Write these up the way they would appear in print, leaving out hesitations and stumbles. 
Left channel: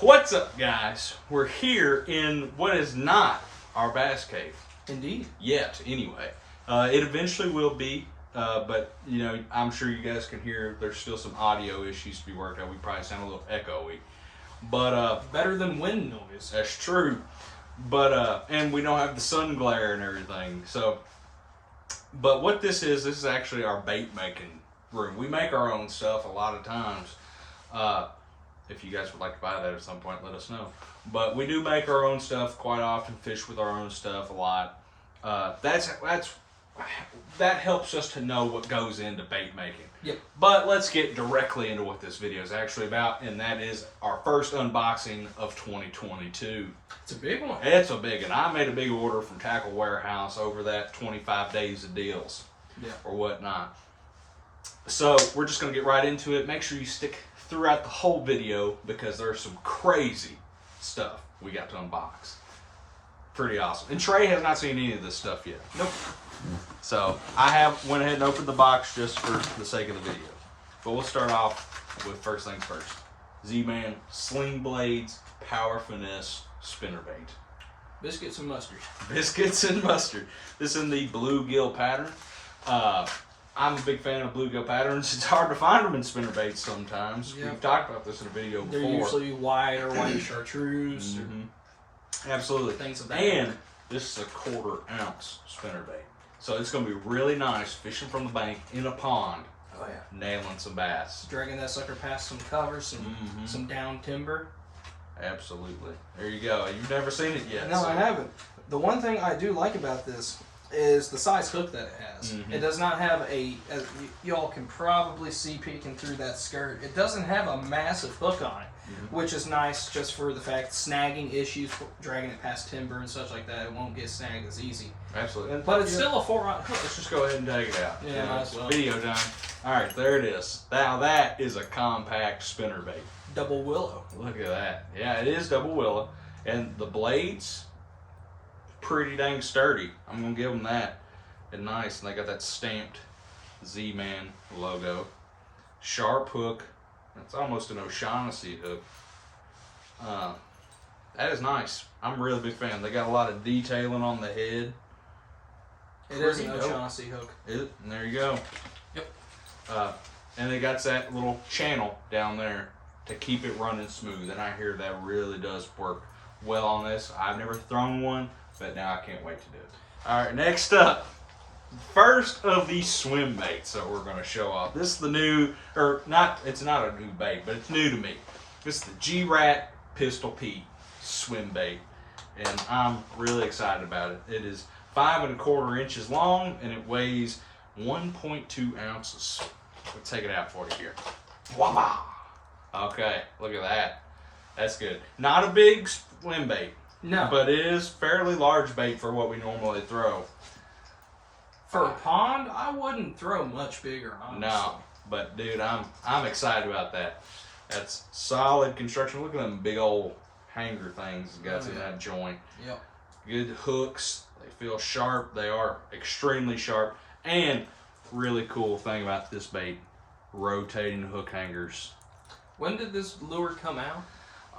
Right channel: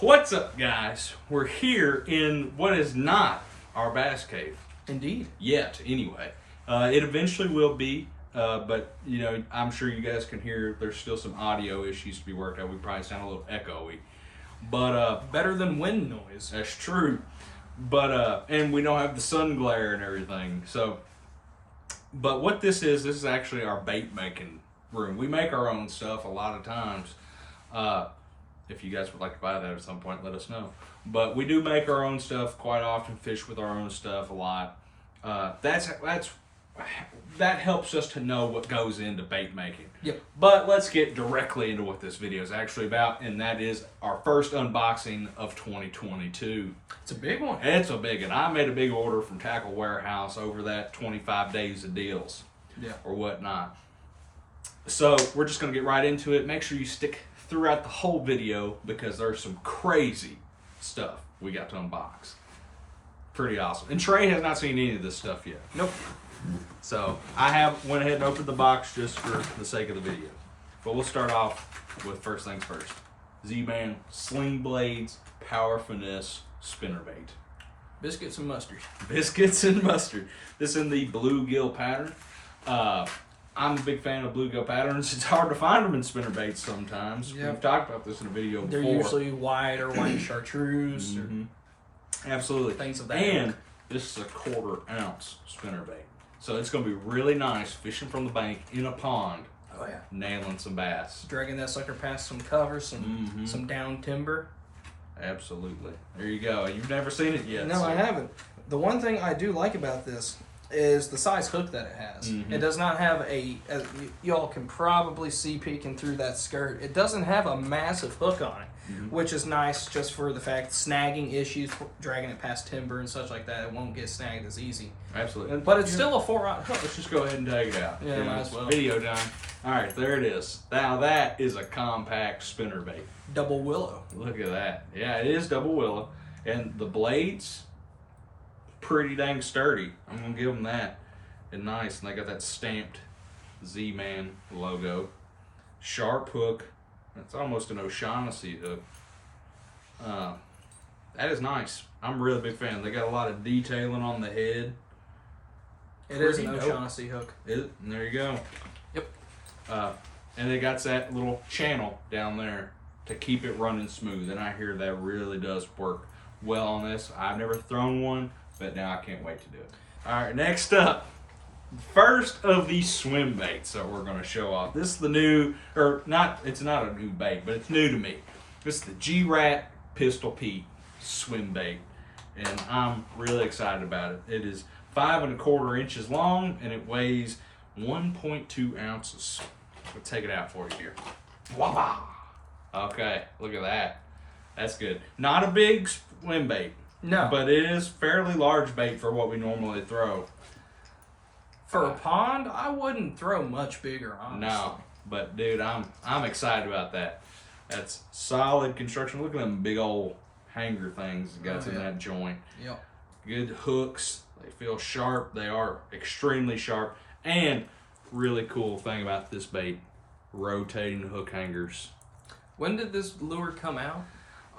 What's up, guys? We're here in what is not our bass cave. Indeed. Yet, anyway. It eventually will be, but, you know, I'm sure you guys can hear there's still some audio issues to be worked out. We probably sound a little echoey. But, better than wind noise. That's true. But, and we don't have the sun glare and everything. So, but what this is actually our bait making room. We make our own stuff a lot of times. If you guys would like to buy that at some point, let us know. But we do make our own stuff quite often, fish with our own stuff a lot. That helps us to know what goes into bait making. Yep. But let's get directly into what this video is actually about, and that is our first unboxing of 2022. It's a big one. It's a big one. I made a big order from Tackle Warehouse over that 25 days of deals. Yeah. Or whatnot. So we're just going to get right into it. Make sure you stick throughout the whole video because there's some crazy stuff we got to unbox. Pretty awesome. And Trey has not seen any of this stuff yet. Nope. So I went ahead and opened the box just for the sake of the video. But we'll start off with first things first. ZMan Sling Blades Power Finesse Spinnerbait. Biscuits and mustard. Biscuits and mustard. This is in the bluegill pattern. I'm a big fan of bluegill patterns. It's hard to find them in spinnerbaits sometimes. Yep. We've talked about this in a video before. They're usually white or white chartreuse. Absolutely. Things of that and this is a 1/4 ounce spinnerbait. So it's going to be really nice fishing from the bank in a pond. Oh yeah. Nailing some bass. Dragging that sucker past some cover, some down timber. Absolutely. There you go. You've never seen it yet. No, I haven't. The one thing I do like about this is the size hook that it has. It does not have as y'all can probably see peeking through that skirt, it doesn't have a massive hook on it, which is nice just for the fact snagging issues, dragging it past timber and such like that. It won't get snagged as easy. Absolutely. But it's still a 4-aught hook. Let's just go ahead and take it out. Yeah, might as well. Video time. All right, there it is. Now that is a compact spinnerbait. Double willow. Look at that. Yeah, it is double willow. And the blades, pretty dang sturdy. I'm going to give them that. And nice. And they got that stamped ZMan logo. Sharp hook. It's almost an O'Shaughnessy hook. That is nice. I'm a really big fan. They got a lot of detailing on the head. It is an O'Shaughnessy hook. And there you go. Yep. And it got that little channel down there to keep it running smooth. And I hear that really does work well on this. I've never thrown one, but now I can't wait to do it. All right, next up, first of these swim baits that we're going to show off. This is the new, or not, it's not a new bait, but it's new to me. This is the G-Rat Pistol Pete swim bait, and I'm really excited about it. It is 5 1/4 inches long, and it weighs 1.2 ounces. We'll take it out for you here. Wow. Okay, look at that. That's good. Not a big swim bait. No. But it is fairly large bait for what we normally throw. For a pond, I wouldn't throw much bigger, honestly. No. But dude, I'm excited about that. That's solid construction. Look at them big old hanger things it got in that joint. Yep. Good hooks. They feel sharp. They are extremely sharp. And really cool thing about this bait, rotating hook hangers. When did this lure come out?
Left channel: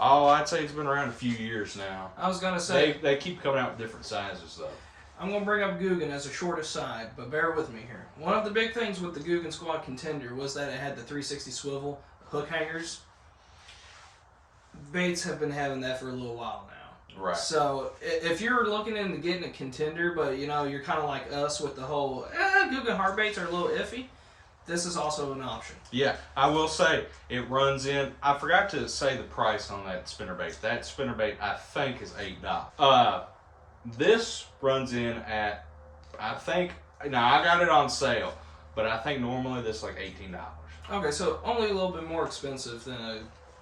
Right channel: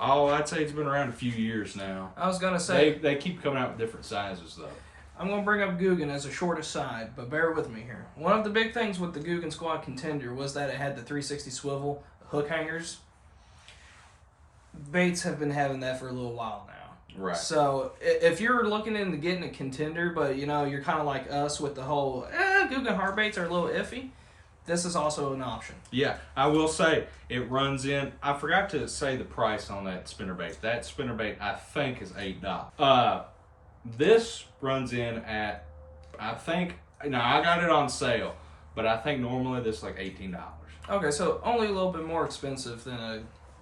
Oh, I'd say it's been around a few years now. I was going to say... They keep coming out with different sizes, though. I'm going to bring up Guggen as a short aside, but bear with me here. One of the big things with the Guggen Squad Contender was that it had the 360 swivel hook hangers. Baits have been having that for a little while now. Right. So if you're looking into getting a Contender, but you know you're kind of like us with the whole Guggen hard baits are a little iffy, this is also an option. Yeah, I will say it runs in. I forgot to say the price on that spinnerbait. That spinnerbait I think is $8. This runs in at, I think, now I got it on sale, but I think normally this is like $18. Okay, so only a little bit more expensive than a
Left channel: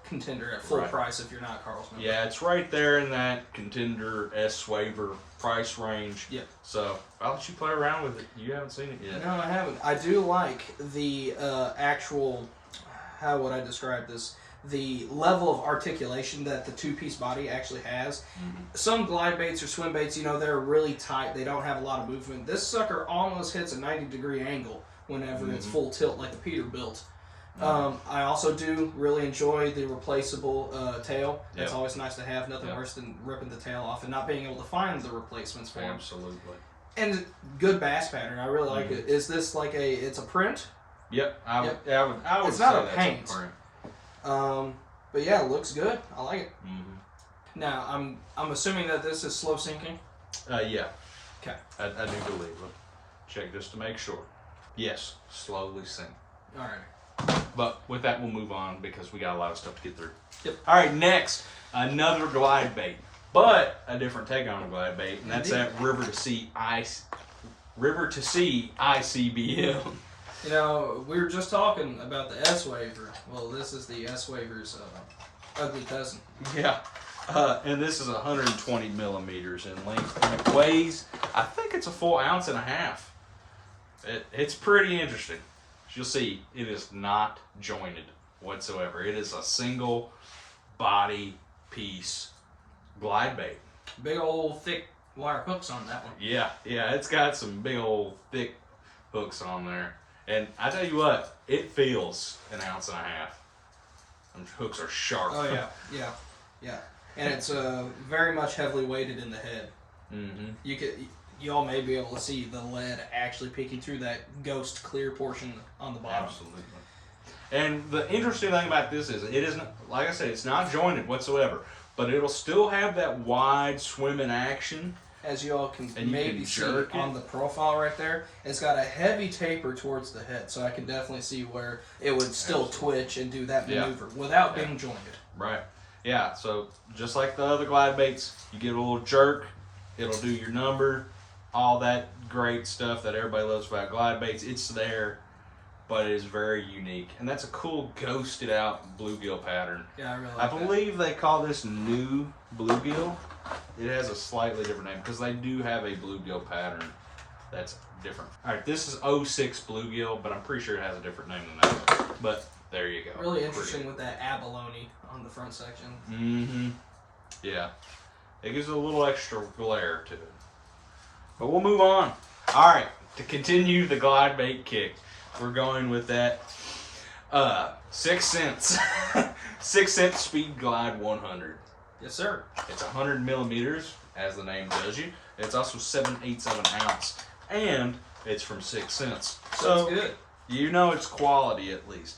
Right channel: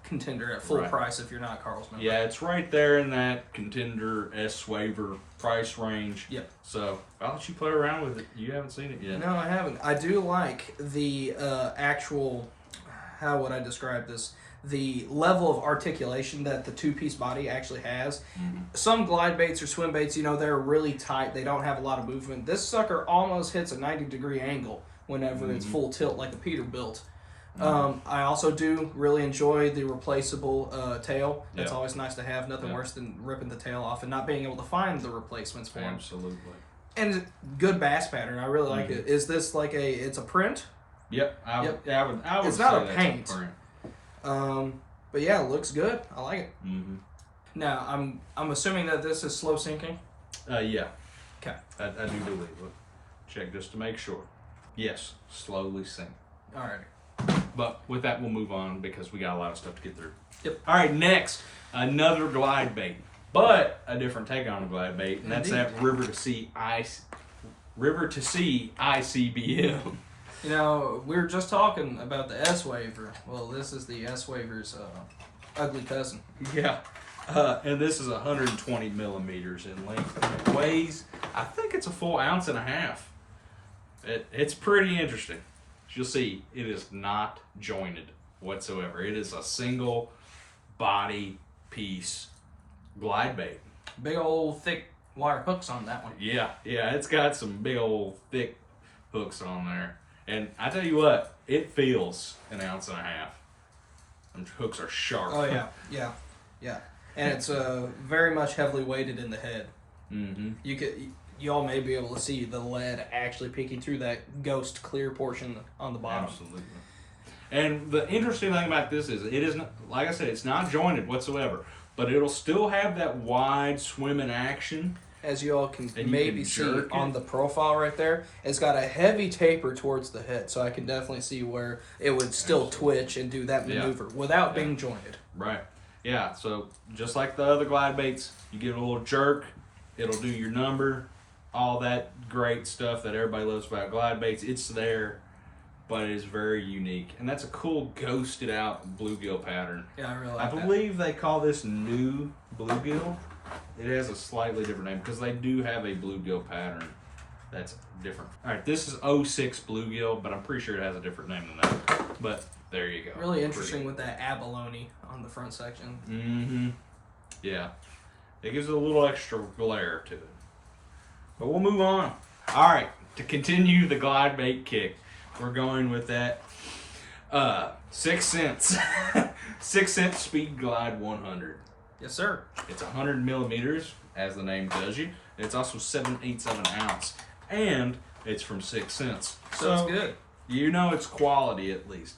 Contender at full price if you're not Carl's member. Yeah, it's right there in that Contender S-Waver price range. Yeah. So I'll let you play around with it. You haven't seen it yet. No, I haven't. I do like the actual, how would I describe this? The level of articulation that the two-piece body actually has. Some glide baits or swim baits, you know, they're really tight. They don't have a lot of movement. This sucker almost hits a 90-degree angle whenever it's full tilt like a Peterbilt. I also do really enjoy the replaceable tail. It's always nice to have. Nothing worse than ripping the tail off and not being able to find the replacements for them. Absolutely. And good bass pattern. I really like it. Is this like it's a print? Yep. I would It's say not a that's paint. a print. But yeah, it looks good. I like it. Mm-hmm. Now, I'm assuming that this is slow sinking? Yeah. Okay. I do believe it. Check just to make sure. Yes, slowly sink. All right. But with that, we'll move on because we got a lot of stuff to get through. Yep. All right, next, another glide bait, but a different take on a glide bait, and that's that river to sea ICBM. You know, we were just talking about the S-Waver. Well, this is the S-Waver's ugly cousin. Yeah. And this is 120 millimeters in length, and it weighs, I think it's a full ounce and a half. It's pretty interesting. You'll see, it is not jointed whatsoever. It is a single body piece glide bait. Big old thick wire hooks on that one. Yeah, it's got some big old thick hooks on there. And I tell you what, it feels an ounce and a half. Them hooks are sharp. Oh yeah. And it's very much heavily weighted in the head. Mm-hmm. Y'all may be able to see the lead actually peeking through that ghost clear portion on the bottom. Absolutely. And the interesting thing about this is it isn't, like I said, it's not jointed whatsoever, but it'll still have that wide swimming action. As y'all can And maybe see on the profile right there, it's got a heavy taper towards the head, so I can definitely see where it would still twitch and do that maneuver without being jointed. Right. Yeah, so just like the other glide baits, you get a little jerk, it'll do your number, all that great stuff that everybody loves about glide baits. It's there, but it is very unique. And that's a cool ghosted out bluegill pattern. Yeah, I really like I believe they call this new bluegill. It has a slightly different name because they do have a bluegill pattern that's different. All right, this is 06 bluegill, but I'm pretty sure it has a different name than that. But there you go. Really interesting with that abalone on the front section. Mm-hmm. Yeah. It gives it a little extra glare to it. But we'll move on. All right, to continue the glide bait kick, we're going with that 6 cents. 6 cent Speed Glide 100. Yes, sir. It's 100 millimeters, as the name tells you. It's also 7/8 of an ounce. And it's from 6 cents. So it's good. You know it's quality at least.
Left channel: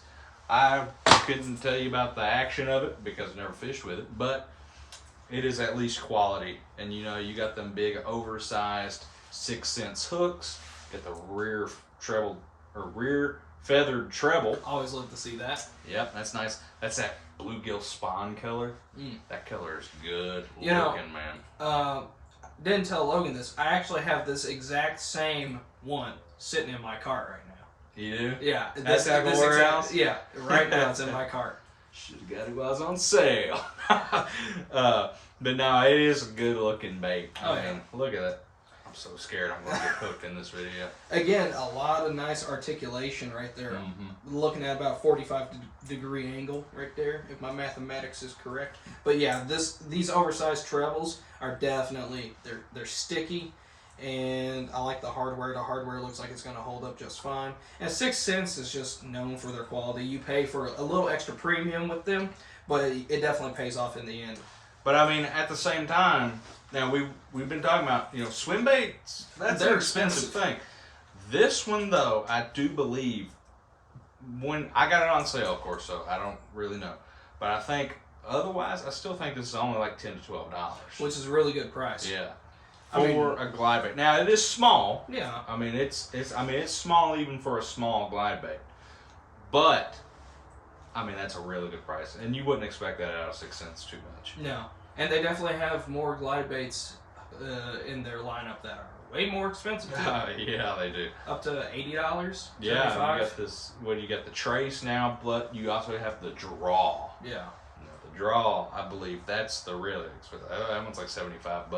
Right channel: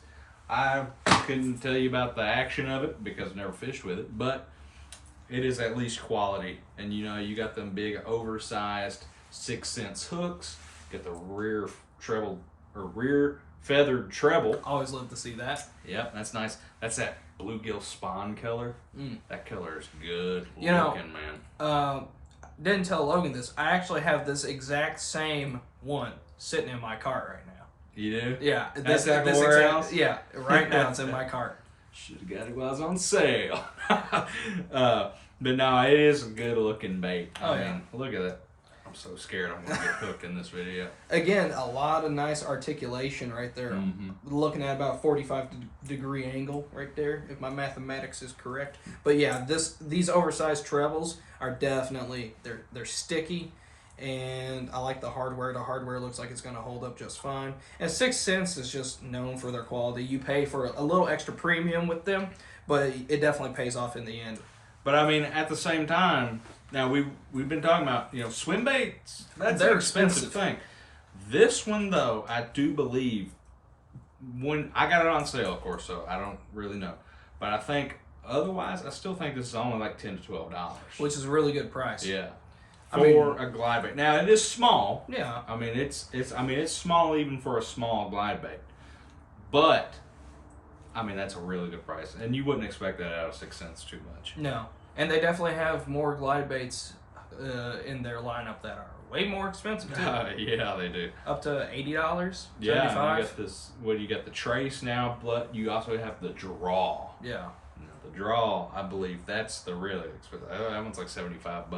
I couldn't tell you about the action of it because I never fished with it, but it is at least quality. And you know, you got them big oversized 6 cents hooks, get the rear feathered treble. Always love to see that. Yep, that's nice. That's that bluegill spawn color. That color is good looking, man. Didn't tell Logan this. I actually have this exact same one sitting in my cart right now. You do? Yeah. That's at the warehouse? Yeah, right now it's in my cart. Should have got it while it was on sale. But no, it is a good looking bait. I mean, look at it. I'm so scared I'm going to get hooked in this video. Again, a lot of nice articulation right there. Looking at about 45-degree angle right there, if my mathematics is correct. But yeah, these oversized trebles are definitely, they're sticky, and I like the hardware. The hardware looks like it's going to hold up just fine. And 6 cents is just known for their quality. You pay for a little extra premium with them, but it definitely pays off in the end. But I mean, at the same time, now we've been talking about, you know, swim baits. That's an expensive thing. This one though, I do believe, when I got it on sale, of course, so I don't really know, but I think otherwise, I still think this is only like $10 to $12, which is a really good price. Yeah, for a glide bait. Now it is small. Yeah. I mean, it's small even for a small glide bait, but I mean that's a really good price, and you wouldn't expect that out of 6 cents too much. No. And they definitely have more glide baits in their lineup that are way more expensive too. Yeah, they do. Up to $80. Yeah, $75. you got this. What do you got? The trace now, but you also have the draw. Yeah. You know, the draw, I believe that's the really expensive. That one's like $75,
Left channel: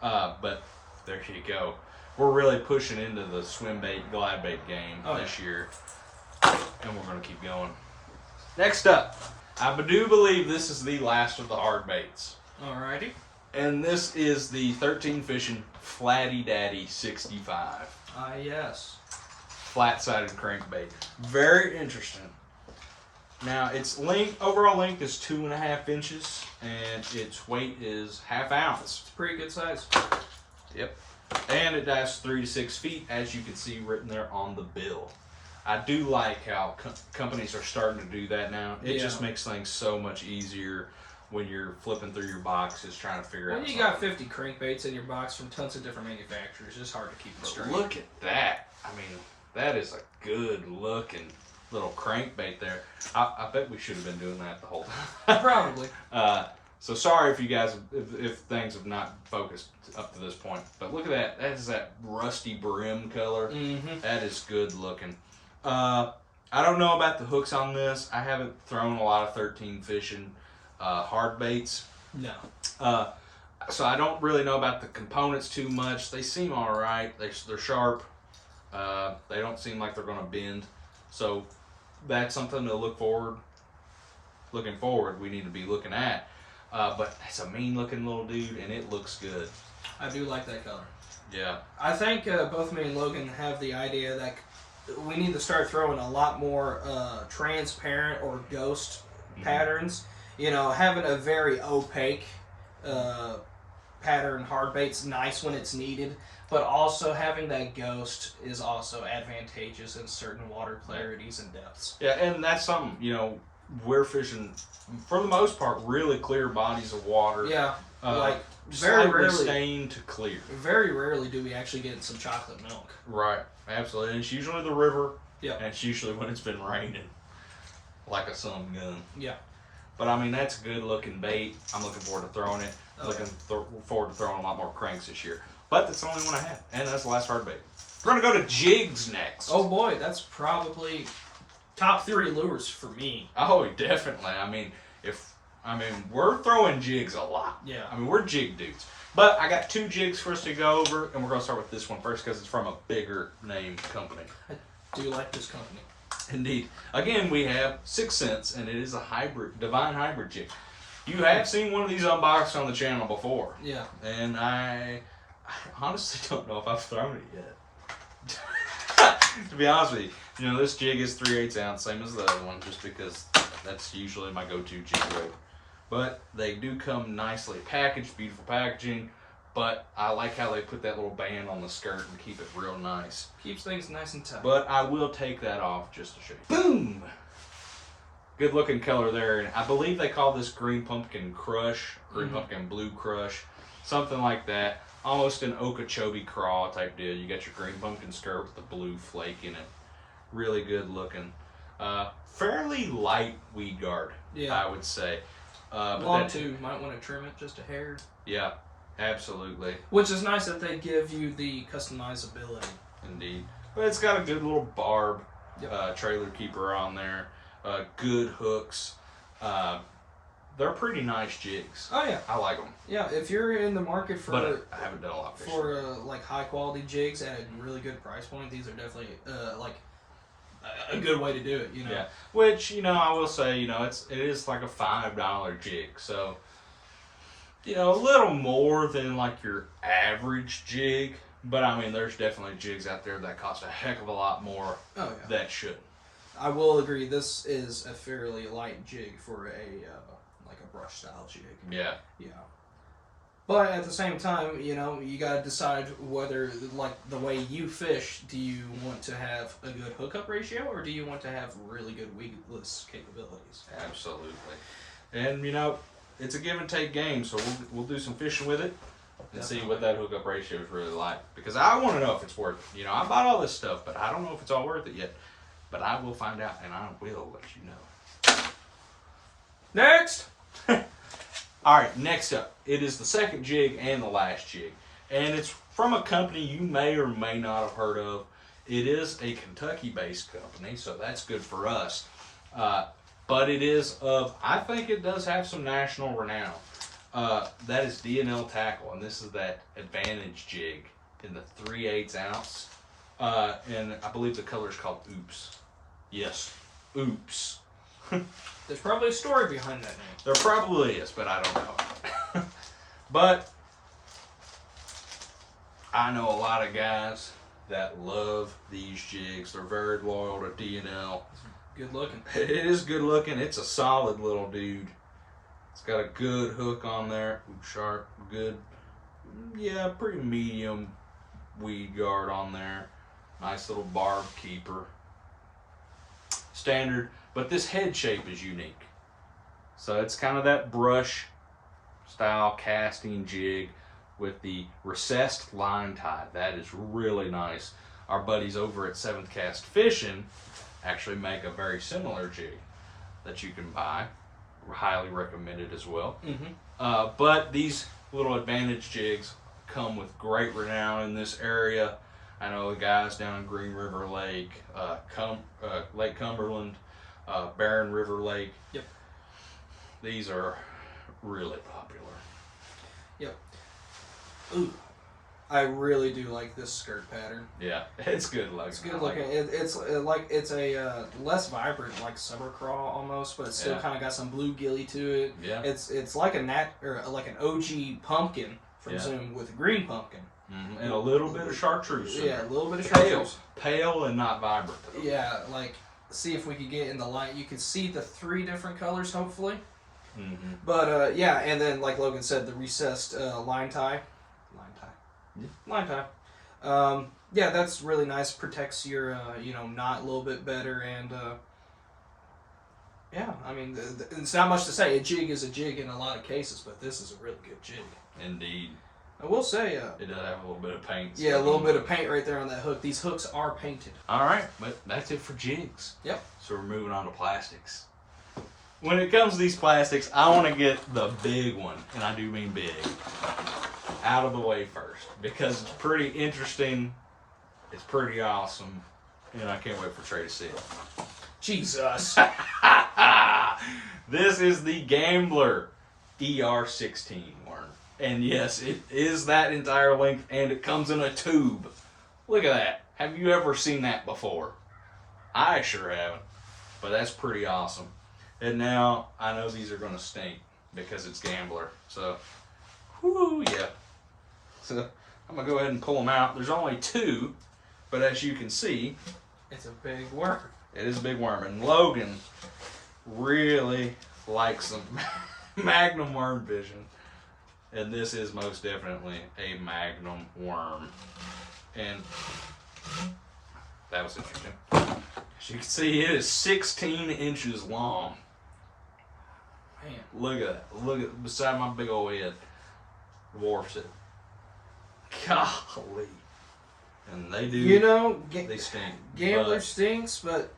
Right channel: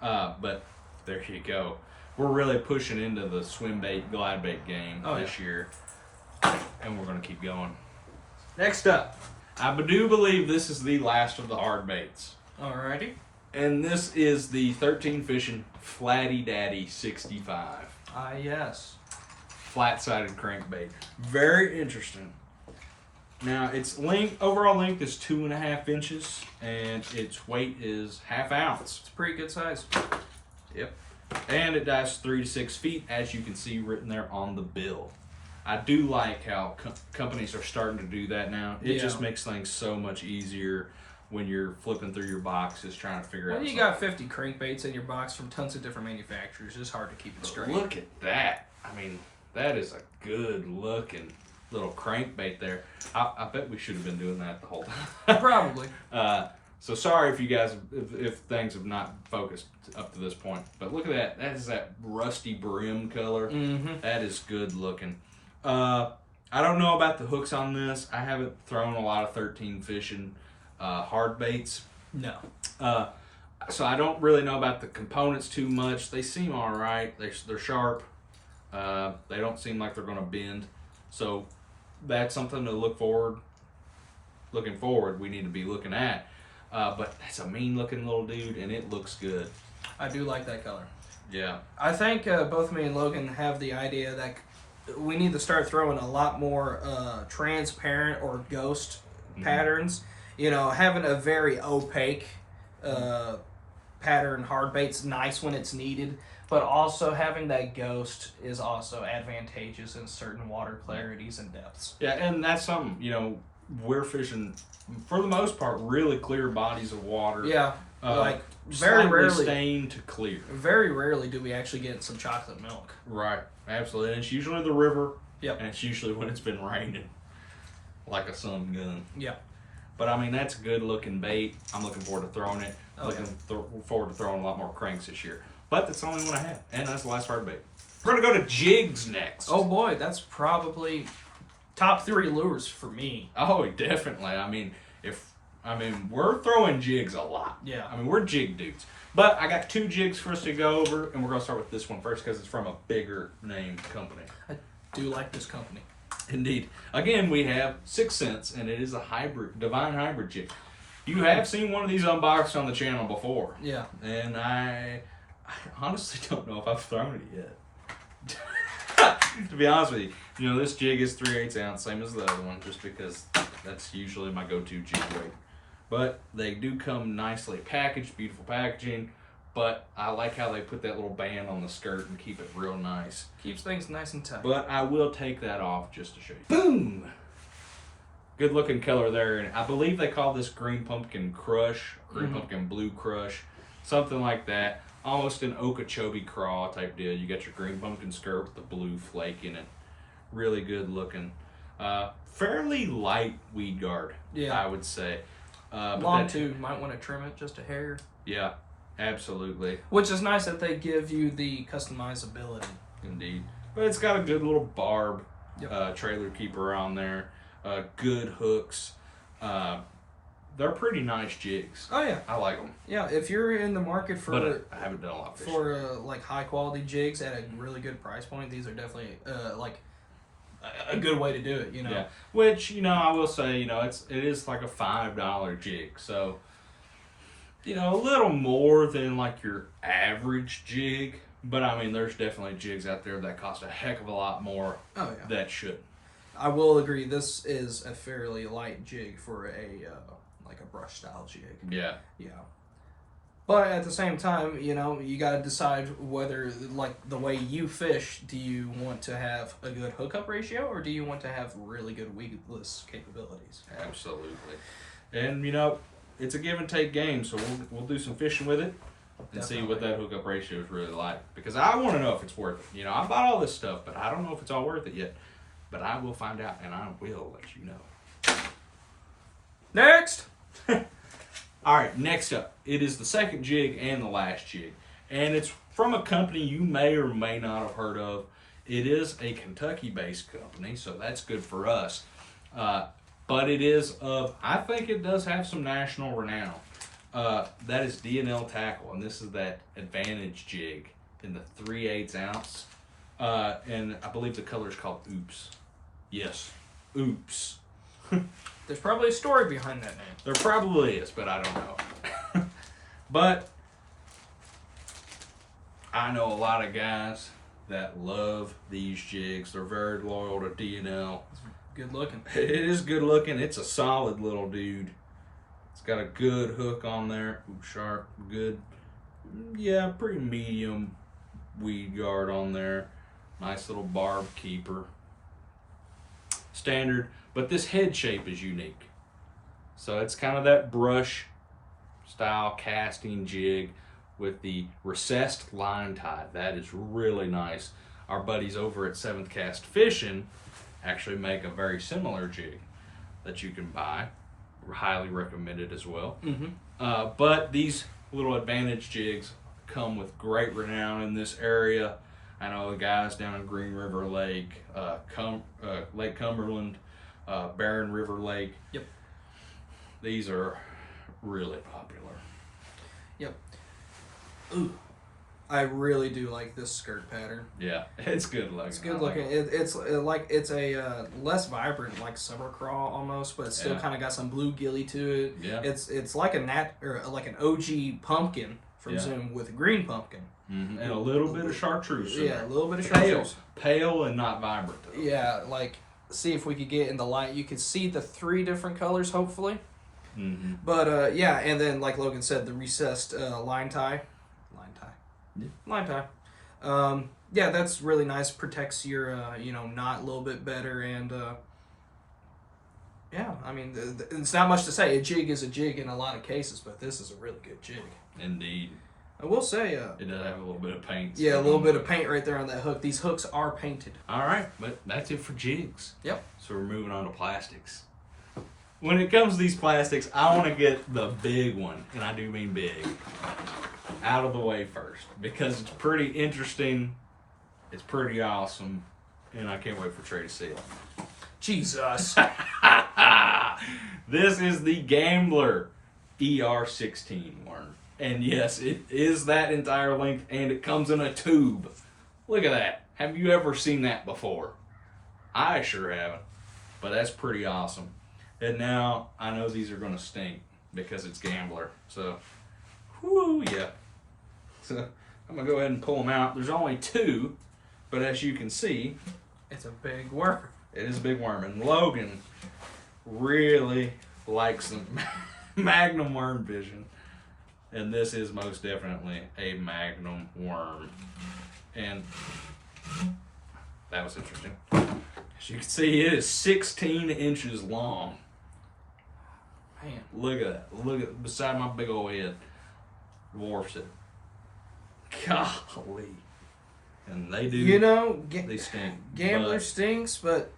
$80. But there you go. We're really pushing into the swim bait, glide bait game this year, and we're gonna keep going. Next up. I do believe this is the last of the hard baits. Alrighty. And this is the 13 Fishing Flatty Daddy 65. Yes. flat-sided crankbait. Very interesting. Now, its overall length is 2.5 inches, and its weight is ½ ounce. It's a pretty good size. Yep. And it dives 3 to 6 feet, as you can see written there on the bill. I do like how companies are starting to do that now. It just makes things so much easier when you're flipping through your boxes trying to figure out something. You got 50 crankbaits in your box from tons of different manufacturers. It's hard to keep it straight. Look at that. I mean, that is a good looking little crankbait there. I bet we should have been doing that the whole time. Probably. So sorry if you guys, if things have not focused up to this point. But look at that. That is that rusty brim color. Mm-hmm. That is good looking. I don't know about the hooks on this. I haven't thrown a lot of 13 fishing hard baits. No. So I don't really know about the components too much. They seem all right. They're sharp. They don't seem like they're going to bend. So that's something to looking forward, we need to be looking at. But it's a mean looking little dude, and it looks good. I do like that color. Yeah. I think both me and Logan have the idea that we need to start throwing a lot more transparent or ghost patterns. You know, having a very opaque pattern hard bait's nice when it's needed, but also having that ghost is also advantageous in certain water clarities and depths. Yeah, and that's something, you know, we're fishing, for the most part, really clear bodies of water. Yeah, like very slightly rarely stained to clear. Very rarely do we actually get some chocolate milk. Right, absolutely. And it's usually the river. Yeah. And it's usually when it's been raining, like a sun gun. Yeah. But I mean, that's a good looking bait. I'm looking forward to throwing it. Forward to throwing a lot more cranks this year. But that's the only one I have, and that's the last hard bait. We're gonna go to Jigs next. Oh boy, that's probably top 3 lures for me. Oh, definitely. I mean, we're throwing jigs a lot. Yeah. I mean, we're jig dudes. But I got 2 jigs for us to go over, and we're gonna start with this one first because it's from a bigger name company. I do like this company. Indeed. Again, we have 6 cents, and it is a divine hybrid jig. You have seen one of these unboxed on the channel before. Yeah. And I honestly don't know if I've thrown it yet. To be honest with you, you know, this jig is 3/8 ounce, same as the other one, just because that's usually my go-to jig weight. But they do come nicely packaged, beautiful packaging. But I like how they put that little band on the skirt and keep it real nice. Keeps things nice and tight. But I will take that off just to show you. Boom! Good looking color there. And I believe they call this green pumpkin crush, green pumpkin blue crush, something like that. Almost an Okeechobee craw type deal. You got your green pumpkin skirt with the blue flake in it. Really good looking. Fairly light weed guard, I would say. Long too. Might want to trim it just a hair. Yeah, absolutely. Which is nice that they give you the customizability. Indeed. But it's got a good little barb trailer keeper on there. Good hooks. They're pretty nice jigs. Oh yeah, I like them. Yeah, if you're in the market for, but I haven't done a lot of fishing. For like high quality jigs at a really good price point, these are definitely like a good way to do it. You know. Yeah. Which, you know, I will say, you know, it is like a $5 jig, so you know, a little more than like your average jig. But I mean, there's definitely jigs out there that cost a heck of a lot more. Oh yeah. That should. I will agree. This is a fairly light jig for a brush style jig. Yeah. Yeah. But at the same time, you know, you got to decide whether, like, the way you fish, do you want to have a good hookup ratio or do you want to have really good weedless capabilities? Absolutely. And, you know, it's a give and take game, so we'll do some fishing with it and see what that hookup ratio is really like. Because I want to know if it's worth it. You know, I bought all this stuff, but I don't know if it's all worth it yet. But I will find out, and I will let you know. Next! All right, next up. It is the second jig and the last jig. And it's from a company you may or may not have heard of. It is a Kentucky-based company, so that's good for us. But it is I think it does have some national renown. That is DNL Tackle, and this is that Advantage jig in the 3/8 ounce. And I believe the color is called Oops. Yes, Oops. There's probably a story behind that name. There probably is, but I don't know. But I know a lot of guys that love these jigs. They're very loyal to DNL. Good looking. It is good looking. It's a solid little dude. It's got a good hook on there. Ooh, sharp, good. Yeah, pretty medium weed guard on there. Nice little barb keeper. Standard, but this head shape is unique. So it's kind of that brush style casting jig with the recessed line tie. That is really nice. Our buddies over at 7th Cast Fishing actually make a very similar jig that you can buy. Highly recommended as well. But these little advantage jigs come with great renown in this area. I know the guys down in Green River Lake, Lake Cumberland, Barren River Lake. Yep. These are really popular. Yep. Ooh, I really do like this skirt pattern. Yeah, it's good looking. It's good looking. It's a less vibrant, like summer crawl almost, but it's still kind of got some bluegilly to it. Yeah. It's like an OG pumpkin from Zoom with a green pumpkin. And a little bit of chartreuse. Yeah, a little bit of chartreuse. Pale and not vibrant though. Yeah, like see if we could get in the light. You can see the 3 different colors, hopefully. But yeah, and then like Logan said, the recessed line tie. Yeah, that's really nice. Protects your knot a little bit better, and yeah, I mean, it's not much to say. A jig is a jig in a lot of cases, but this is a really good jig. Indeed. I will say, it does have a little bit of paint. Yeah, a little bit of paint right there on that hook. These hooks are painted. All right, but that's it for jigs. Yep. So we're moving on to plastics. When it comes to these plastics, I want to get the big one, and I do mean big, out of the way first, because it's pretty interesting, it's pretty awesome, and I can't wait for Trey to see it. Jesus. This is the Gambler ER16 worm. And yes, it is that entire length, and it comes in a tube. Look at that. Have you ever seen that before? I sure haven't, but that's pretty awesome. And now I know these are going to stink because it's Gambler. So, whoo, yeah. So I'm going to go ahead and pull them out. There's only 2, but as you can see, it's a big worm. It is a big worm. And Logan really likes some Magnum worm fishing. And this is most definitely a Magnum worm. And that was interesting. As you can see, it is 16 inches long. Man. Look at that. Look at beside my big old head. Dwarfs it. Golly. And they do. They stink. Gambler stinks, but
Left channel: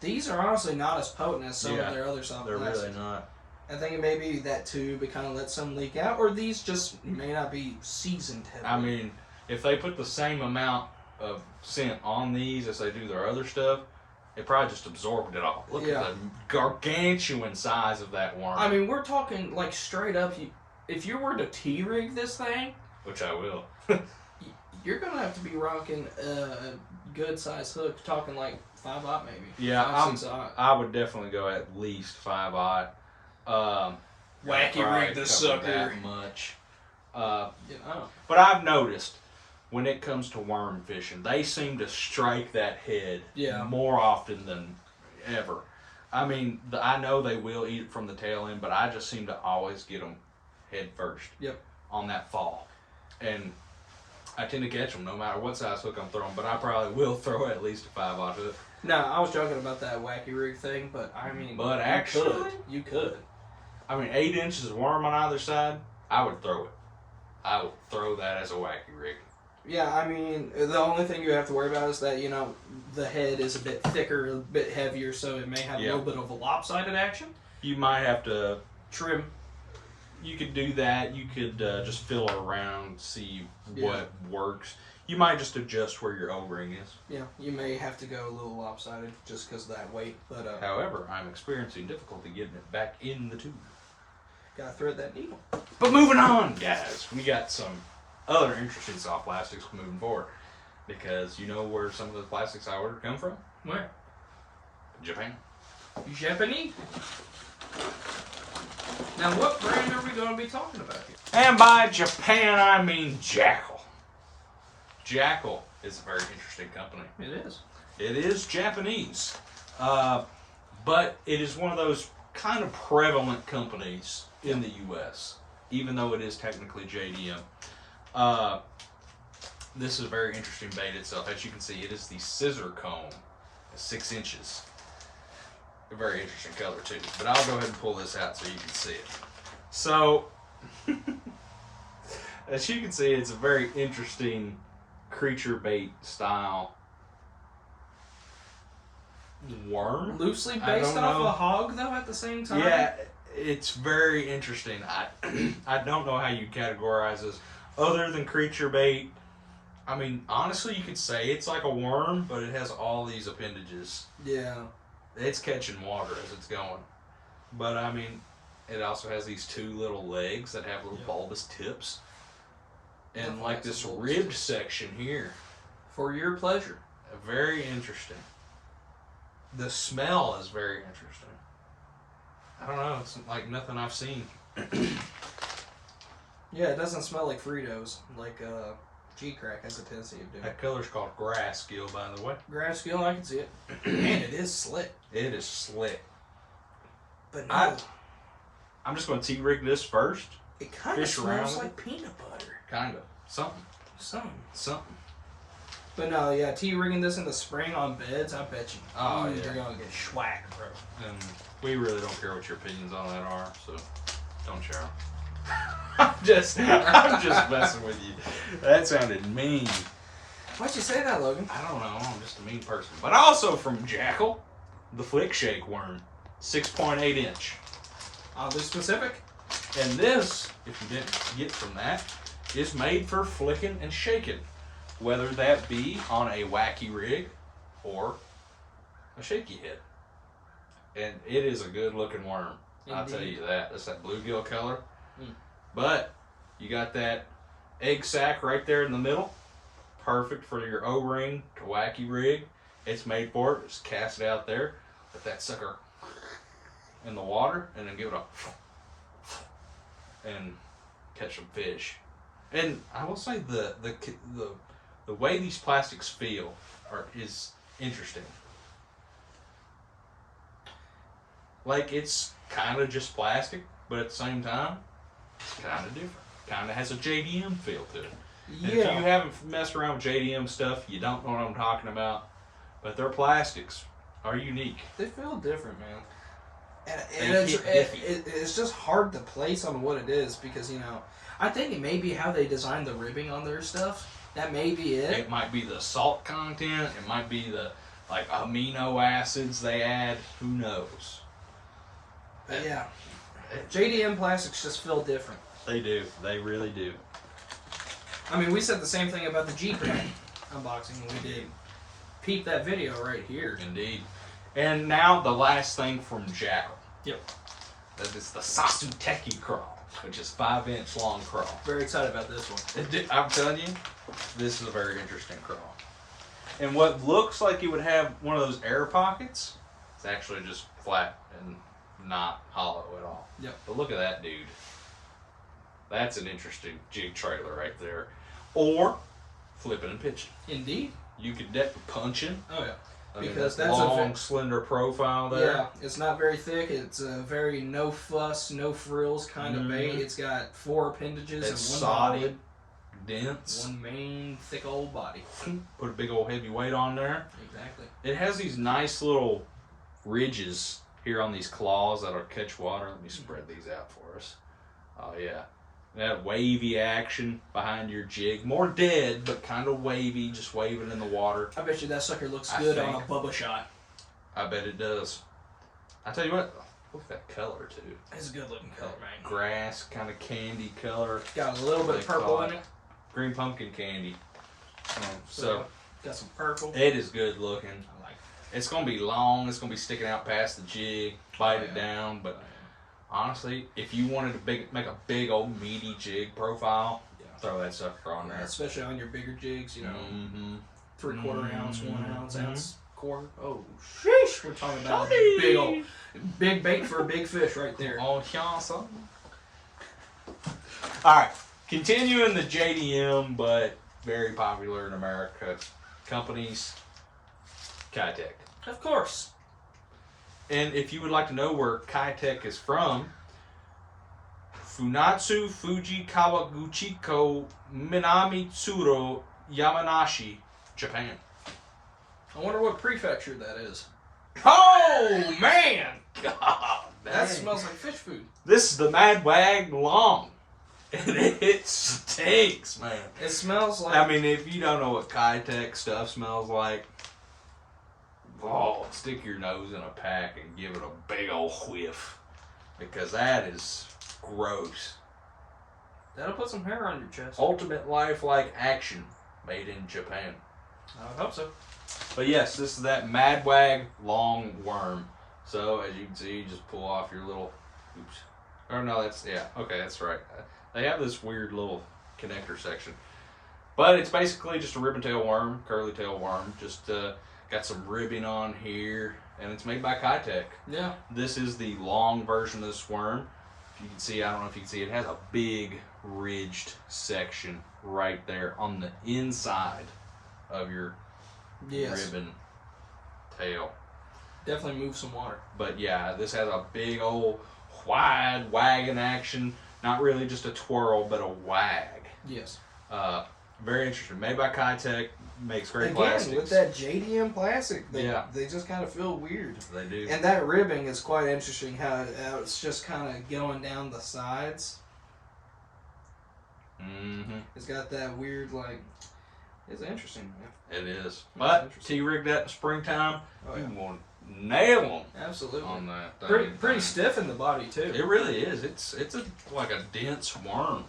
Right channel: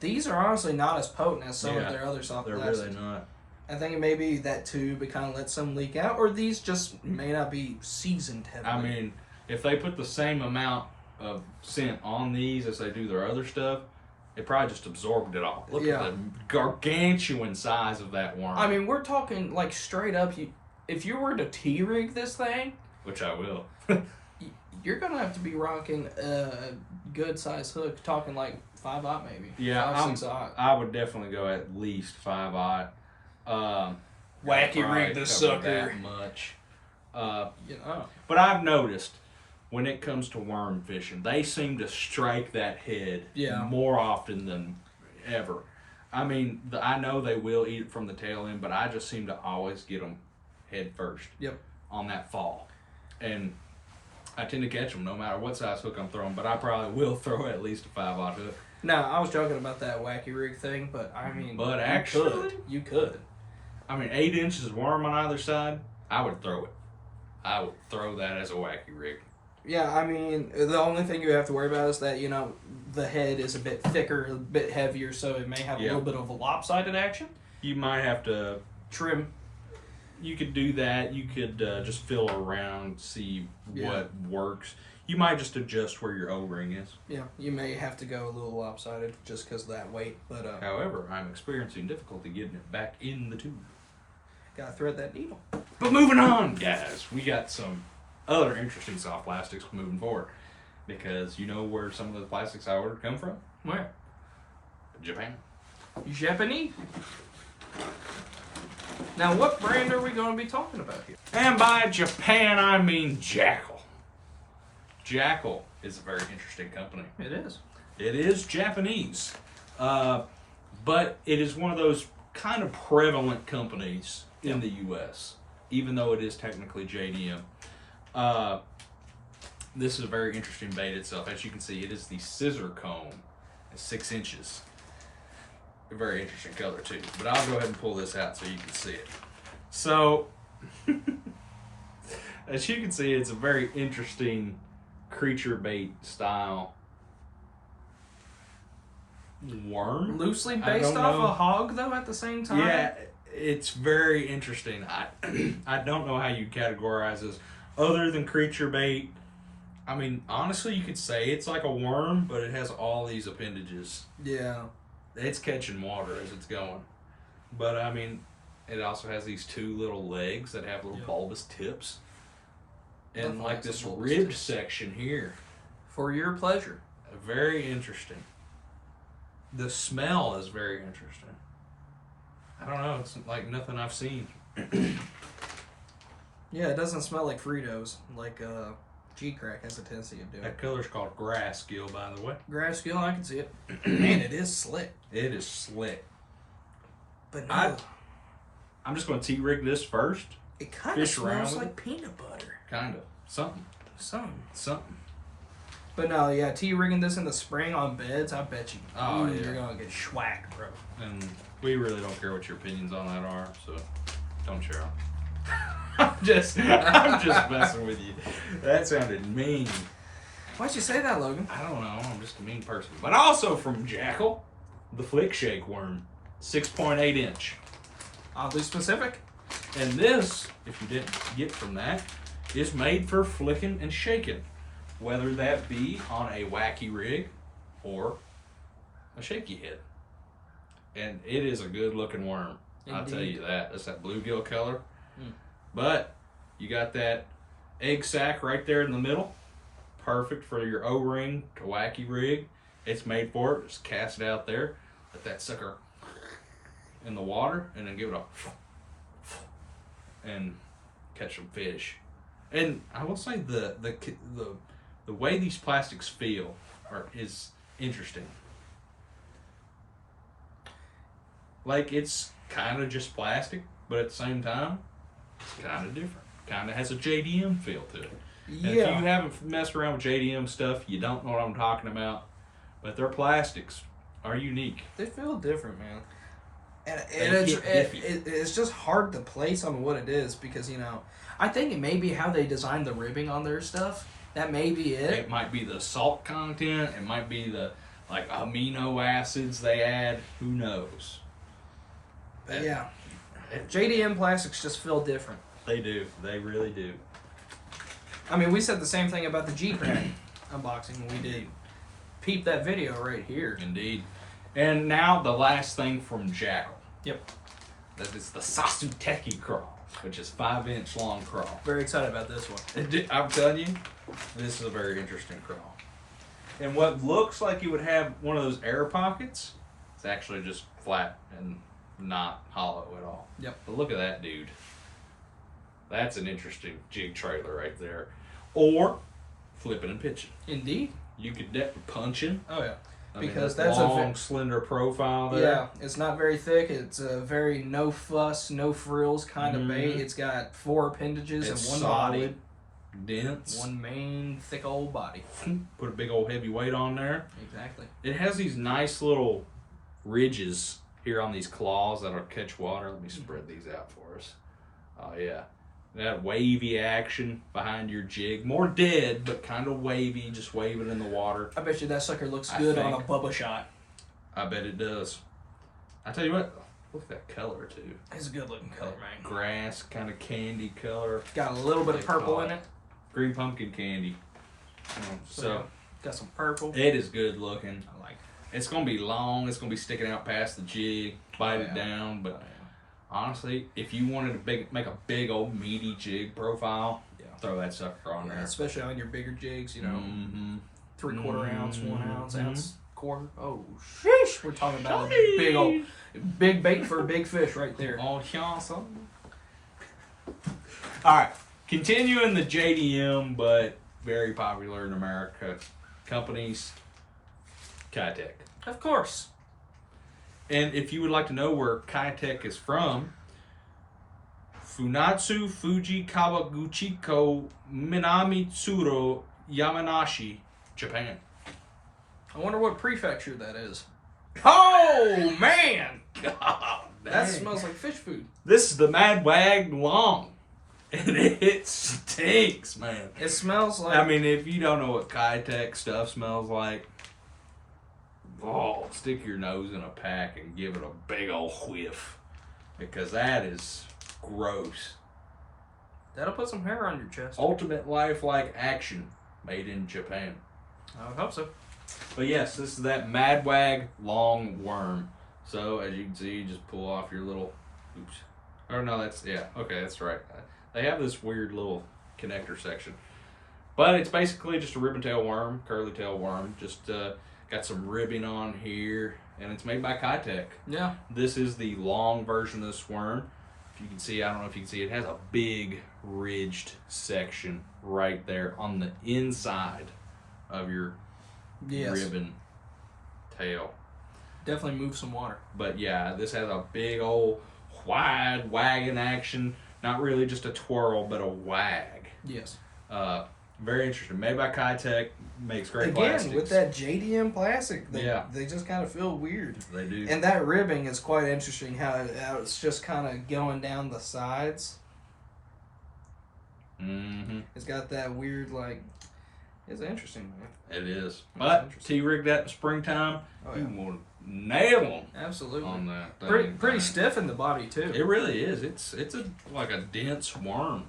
these are honestly not as potent as some of their other soft plastics. They're really not. I think it may be that tube, it kind of lets some leak out, or these just may not be seasoned heavily. I mean, if they put the same amount of scent on these as they do their other stuff, it probably just absorbed it all. Look at the gargantuan size of that worm. I mean, we're talking like straight up, if you were to T-rig this thing, which I will, you're going to have to be rocking a good size hook, talking like 5/0 maybe. Yeah, 5/6. I would definitely go at least 5/0. Wacky rig this sucker. That much. But I've noticed when it comes to worm fishing, they seem to strike that head more often than ever. I mean, I know they will eat it from the tail end, but I just seem to always get them head first on that fall. And I tend to catch them no matter what size hook I'm throwing, but I probably will throw at least a 5/0 hook. No, I was joking about that wacky rig thing, but I mean, but actually, you could. I mean, 8 inches of worm on either side, I would throw it. I would throw that as a wacky rig. Yeah, I mean, the only thing you have to worry about is that, the head is a bit thicker, a bit heavier, so it may have a little bit of a lopsided action. You might have to trim. You could do that. You could just fill around, see what works. You might just adjust where your O-ring is. Yeah, you may have to go a little lopsided just because of that weight. But however, I'm experiencing difficulty getting it back in the tube. Gotta thread that needle. But moving on, guys, we got some other interesting soft plastics moving forward. Because you know where some of the plastics I ordered come from? Where? Japan. Japanese? Now, what brand are we going to be talking about here? And by Japan, I mean Jackal. Jackal is a very interesting company. It is. It is Japanese, but it is one of those kind of prevalent companies in the U.S., even though it is technically JDM. This is a very interesting bait itself. As you can see, it is the scissor comb, 6 inches. A very interesting color too. But I'll go ahead and pull this out so you can see it. So, as you can see, it's a very interesting creature bait style worm. Loosely based off a hog, though, at the same time? Yeah, it's very interesting. I don't know how you categorize this other than creature bait. I mean, honestly, you could say it's like a worm, but it has all these appendages. Yeah. It's catching water as it's going. But, I mean, it also has these 2 little legs that have little bulbous tips. And, like, this ribbed section here. For your pleasure. Very interesting. The smell is very interesting. I don't know. It's like nothing I've seen. Yeah, it doesn't smell like Fritos. Like, G-Crack has a tendency of doing. That color's called grass gill, by the way. Grass gill, I can see it. Man, it is slick. It is slick. But no, I'm just going to T-rig this first. it kind of smells like peanut butter. Kind of. Something. Something. But no, yeah, T-rigging this in the spring on beds, I bet you. Oh, yeah. You're going to get schwacked, bro. And we really don't care what your opinions on that are, so don't share them. I'm just messing with you. That sounded mean. Why'd you say that, Logan? I don't know. I'm just a mean person. But also from Jackal, the Flick Shake Worm, 6.8 inch. Oddly specific. And this, if you didn't get from that, is made for flicking and shaking, whether that be on a wacky rig or a shaky head. And it is a good looking worm. Indeed. I'll tell you that. That's that bluegill color. But you got that egg sac right there in the middle. Perfect for your O-ring to wacky rig. It's made for it. Just cast it out there. Let that sucker in the water and then give it a and catch some fish. And I will say the way these plastics feel is interesting. Like, it's kind of just plastic, but at the same time, it's kind of different. Kind of has a JDM feel to it. Yeah. And if you haven't messed around with JDM stuff, you don't know what I'm talking about. But their plastics are unique. They feel different, man. And it's just hard to place on what it is because, you know, I think it may be how they designed the ribbing on their stuff. That may be it. It might be the salt content. It might be the, like, amino acids they add. Who knows? But yeah. JDM plastics just feel different. They do. They really do. I mean, we said the same thing about the G-Crack unboxing when we did peep that video right here. Indeed. And now the last thing from Jackal. Yep. That is the Sasu Techy crawl, which is 5-inch long crawl. Very excited about this one. I'm telling you, this is a very interesting crawl. And what looks like you would have one of those air pockets, it's actually just flat and not hollow at all. Yep. But look at that dude. That's an interesting jig trailer right there. Or flipping and pitching. Indeed. You could punching. Oh yeah. Because that's long, slender profile there. Yeah, it's not very thick. It's a very no fuss, no frills kind of bait. It's got 4 appendages it's and one solid, body. dense. One main thick old body. Put a big old heavy weight on there. Exactly. It has these nice little ridges here on these claws that'll catch water. Let me spread these out for us. Oh yeah. That wavy action behind your jig. More dead, but kind of wavy. Just wave it in the water. I bet you that sucker looks good on a Bubba shot. I bet it does. I tell you what, look at that color too. It's a good looking color, man. Grass kind of candy color. Got a little bit of purple in it. Green pumpkin candy. So got some purple. It is good looking. I like it. It's gonna be long. It's gonna be sticking out past the jig. Bite it down, but. Honestly, if you wanted to make a big old meaty jig profile, throw that sucker on there. Especially on your bigger jigs, you know, 3/4 ounce, 1 ounce, ounce, quarter. Oh, sheesh! We're talking about a big bait for a big fish right there. Oh, awesome. All right, continuing the JDM, but very popular in America. Companies, Kaitech. Of course. And if you would like to know where Kaitech is from, Funatsu Fuji Kawaguchiko Minamitsuro Yamanashi, Japan. I wonder what prefecture that is. Oh, man! God, That dang. smells like fish food. This is the Madwag Long. And it stinks, man. It smells like... I mean, if you don't know what Kaitech stuff smells like, stick your nose in a pack and give it a big old whiff. Because that is gross. That'll put some hair on your chest. Ultimate lifelike action made in Japan. I would hope so. But yes, this is that Madwag Long Worm. So, as you can see, you just pull off your little... Oops. Or no, that's... Yeah, okay, that's right. They have this weird little connector section. But it's basically just a ribbon tail worm, curly tail worm. Just got some ribbing on here. And it's made by Kaitech. Yeah. This is the long version of this worm. If you can see, I don't know if you can see, it has a big ridged section right there on the inside of your ribbon tail. Definitely move some water. But yeah, this has a big old wide wagging action. Not really just a twirl, but a wag. Yes. Very interesting. Made by Kaitech. Makes great Again, plastics. with that JDM plastic, they Yeah. just kind of feel weird. They do. And that ribbing is quite interesting, how it's just kind of going down the sides. Mm-hmm. It's got that weird, like, it's interesting, man. It is. But T-rig that in springtime, Oh, yeah. you want to nail them Absolutely. on that thing. Pretty stiff in the body, too. It really is. It's like a dense worm.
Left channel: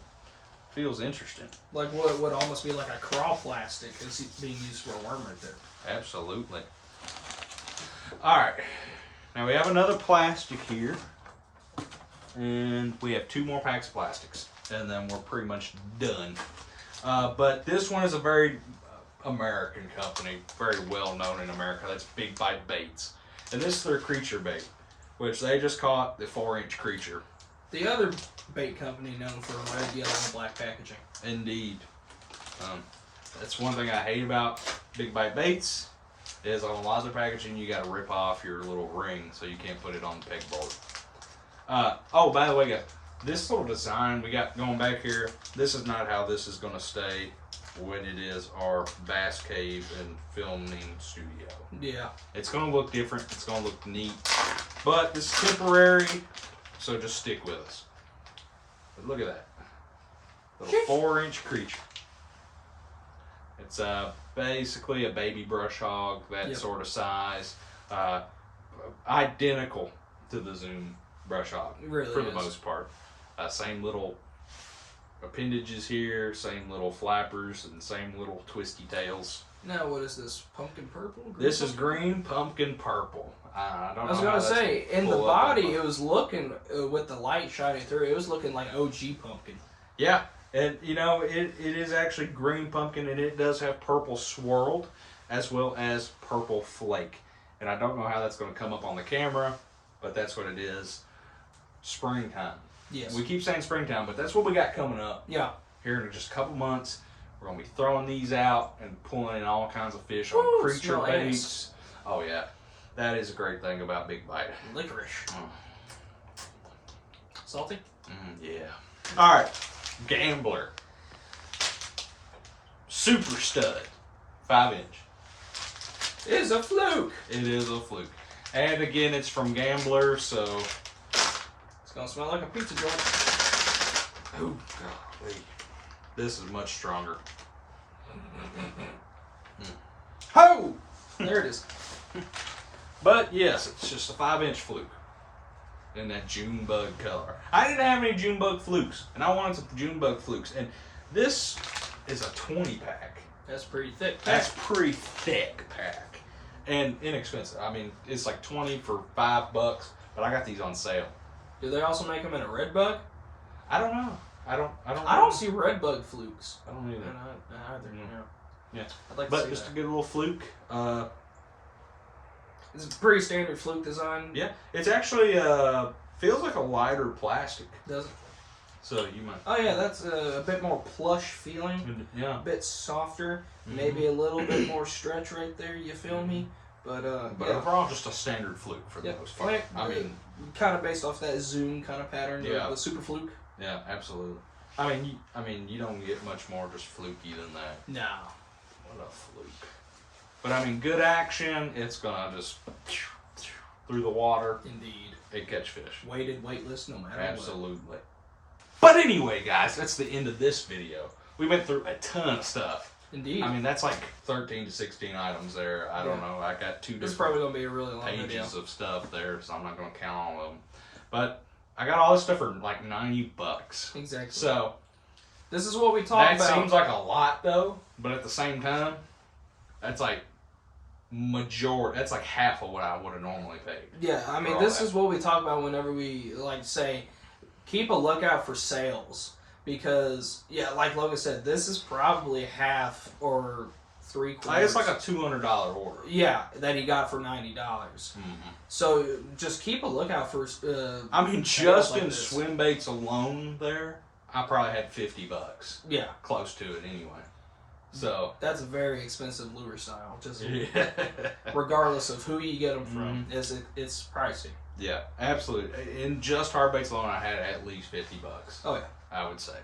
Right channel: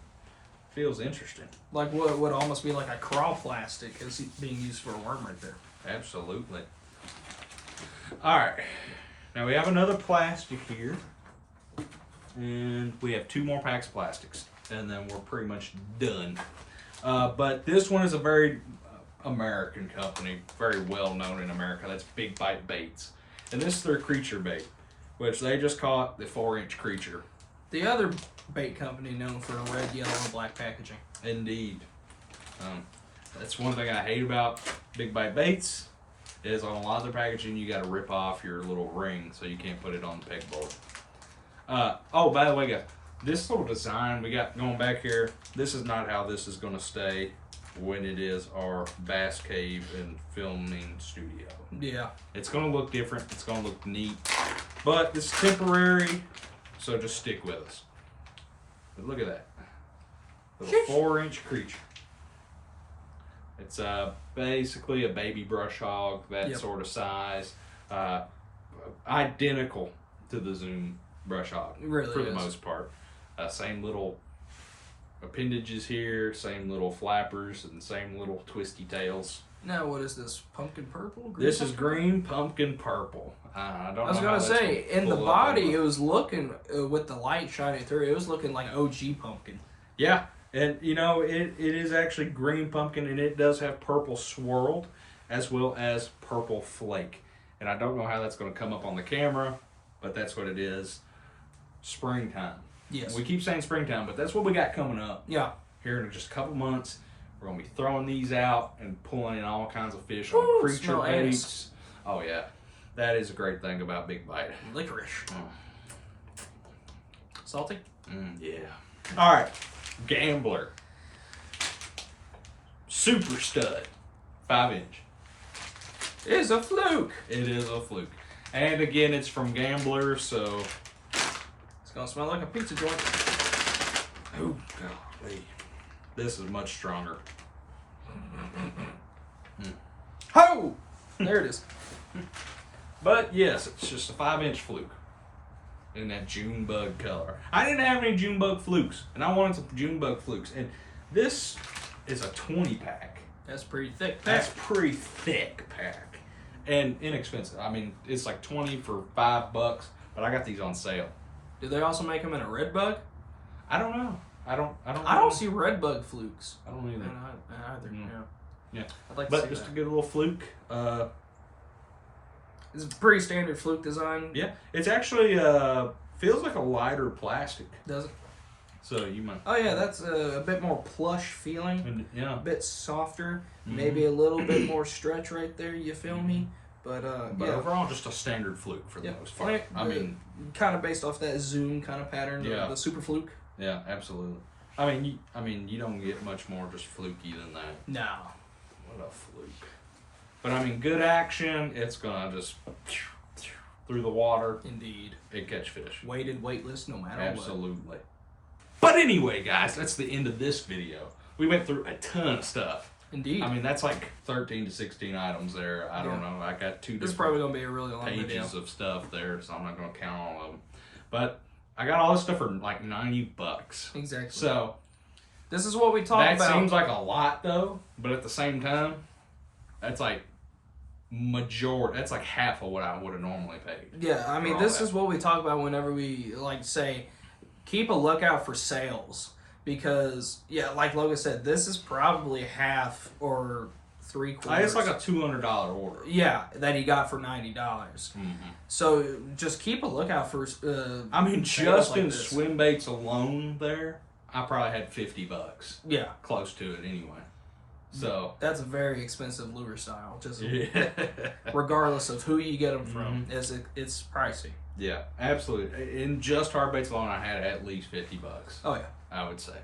Feels interesting. Like what would almost be like a crawl plastic is being used for a worm right there. Absolutely. All right. Now we have another plastic here. And we have 2 more packs of plastics. And then we're pretty much done. But this one is a very American company. Very well known in America. That's Big Bite Baits. And this is their creature bait. Which they just caught the 4-inch creature. The other bait company known for red, yellow, and black packaging. Indeed. That's one thing I hate about Big Bite Baits is on a lot of their packaging you got to rip off your little ring so you can't put it on the pegboard. Oh, by the way, guys, this little design we got going back here, this is not how this is going to stay when it is our bass cave and filming studio. Yeah. It's going to look different. It's going to look neat. But it's temporary, so just stick with us. But look at that. Little 4-inch creature. It's basically a baby brush hog, that sort of size. Identical to the Zoom brush hog, Really for the is. most part. Same little appendages here, same little flappers, and same little twisty tails. Now, what is this? Pumpkin purple? This is green pumpkin purple. I don't know. I was going to say, in the body, it was looking, with the light shining through, it was looking like OG pumpkin. Yeah, and you know, it is actually green pumpkin, and it does have purple swirled as well as purple flake. And I don't know how that's going to come up on the camera, but that's what it is. Springtime. Yes. We keep saying springtime, but that's what we got coming up. Yeah. Here in just a couple months, we're going to be throwing these out and pulling in all kinds of fish on Ooh, creature smell baits. nice. Oh, yeah. That is a great thing about Big Bite. Licorice. Salty? Yeah. All right. Gambler. Super stud. 5-inch. It is a fluke. It is a fluke. And again, it's from Gambler, so... It's going to smell like a pizza joint. Oh, golly. This is much stronger. Ho! There it is. But yes, it's just a 5-inch fluke in that June bug color. I didn't have any June bug flukes, and I wanted some June bug flukes. And this is a 20-pack. That's pretty thick. That's pretty thick pack, and inexpensive. I mean, it's like 20 for $5, but I got these on sale. Do they also make them in a red bug? I don't know. I don't see red bug flukes. I don't either. Either. Mm. No. Yeah, I'd like to but see just that. to get a little fluke. It's a pretty standard fluke design. Yeah, it's actually feels like a lighter plastic. Does it? So you might. Oh yeah, that's a bit more plush feeling. Yeah. A bit softer. Maybe a little bit more stretch right there. You feel me? But yeah. Overall, just a standard fluke for the most part. I mean, kind of based off that zoom kind of pattern. Yeah. The super fluke. Yeah, absolutely. I mean, you don't get much more just fluky than that. No. What a fluke. But I mean, good action. It's gonna just through the water. Indeed. It catch fish. Weighted, weightless, no matter Absolutely. But anyway, guys, that's the end of this video. We went through a ton of stuff. Indeed. I mean, that's like 13 to 16 items there. I don't know. I got two This is probably going to be a really long pages video. of stuff there, so I'm not going to count all of them. But I got all this stuff for like $90. Exactly. So this is what we talked about. That seems like a lot, though. But at the same time, that's like that's like half of what I would have normally paid. Yeah, I mean, this is what we talk about whenever we like say, keep a lookout for sales. Because, yeah, like Logan said, this is probably half or 3/4. It's like a $200 order. Yeah, that he got for $90. So just keep a lookout for. I mean, just in swim baits alone, there, I probably had $50. Yeah, close to it anyway. So that's a very expensive lure style. Just regardless of who you get them from, it's pricey. Yeah, absolutely. In just hard baits alone, I had at least $50. Oh yeah. I would say.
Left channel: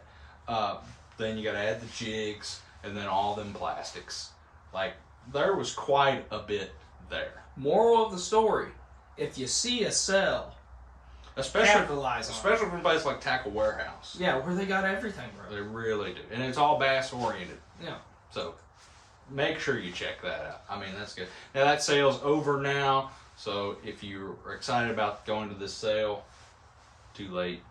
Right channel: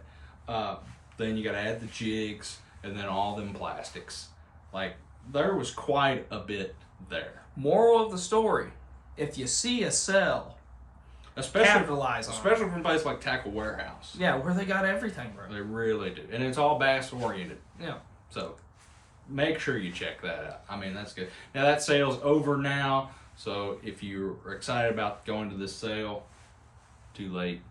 Then you got to add the jigs and then all them plastics. Like, there was quite a bit there. Moral of the story: if you see a sell, capitalize on it. Especially from a place like Tackle Warehouse. Yeah, where they got everything, bro. They really do, and it's all bass oriented. Yeah. So make sure you check that out. I mean, that's good. Now that sale's over now, so if you're excited about going to this sale, too late.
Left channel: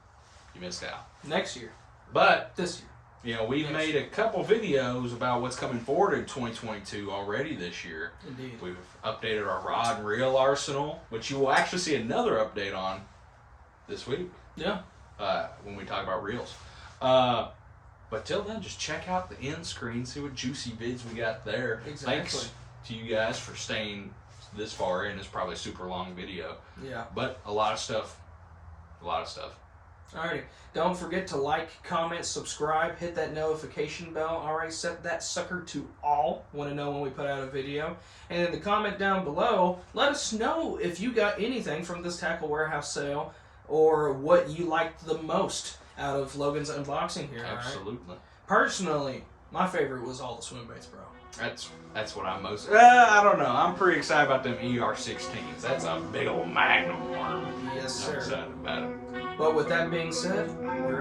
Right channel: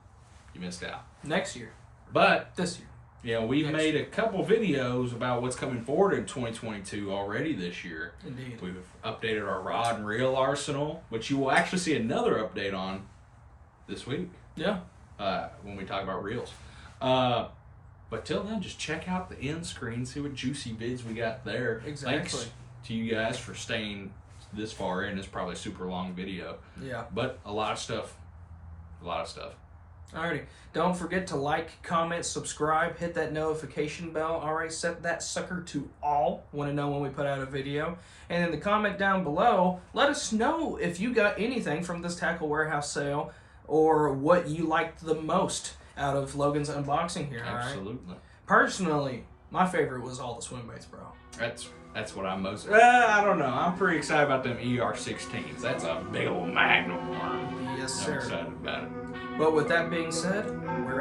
You missed out. Next year. But this year. You know, we've made a couple videos about what's coming forward in 2022 already this year. Indeed. We've updated our rod and reel arsenal, which you will actually see another update on this week. Yeah. When we talk about reels. But till then, just check out the end screen, see what juicy vids we got there. Exactly. Thanks to you guys for staying this far in. It's probably a super long video. Yeah. But a lot of stuff. A lot of stuff. Alrighty. Don't forget to like, comment, subscribe, hit that notification bell. Alright, set that sucker to all. Want to know when we put out a video. And in the comment down below, let us know if you got anything from this Tackle Warehouse sale or what you liked the most out of Logan's unboxing here. Absolutely. Right? Personally, my favorite was all the swim baits, bro. That's what I'm most. I don't know. I'm pretty excited about them ER16s. That's a big old magnum worm. Yes, sir. I'm excited about it. But with that being said, we're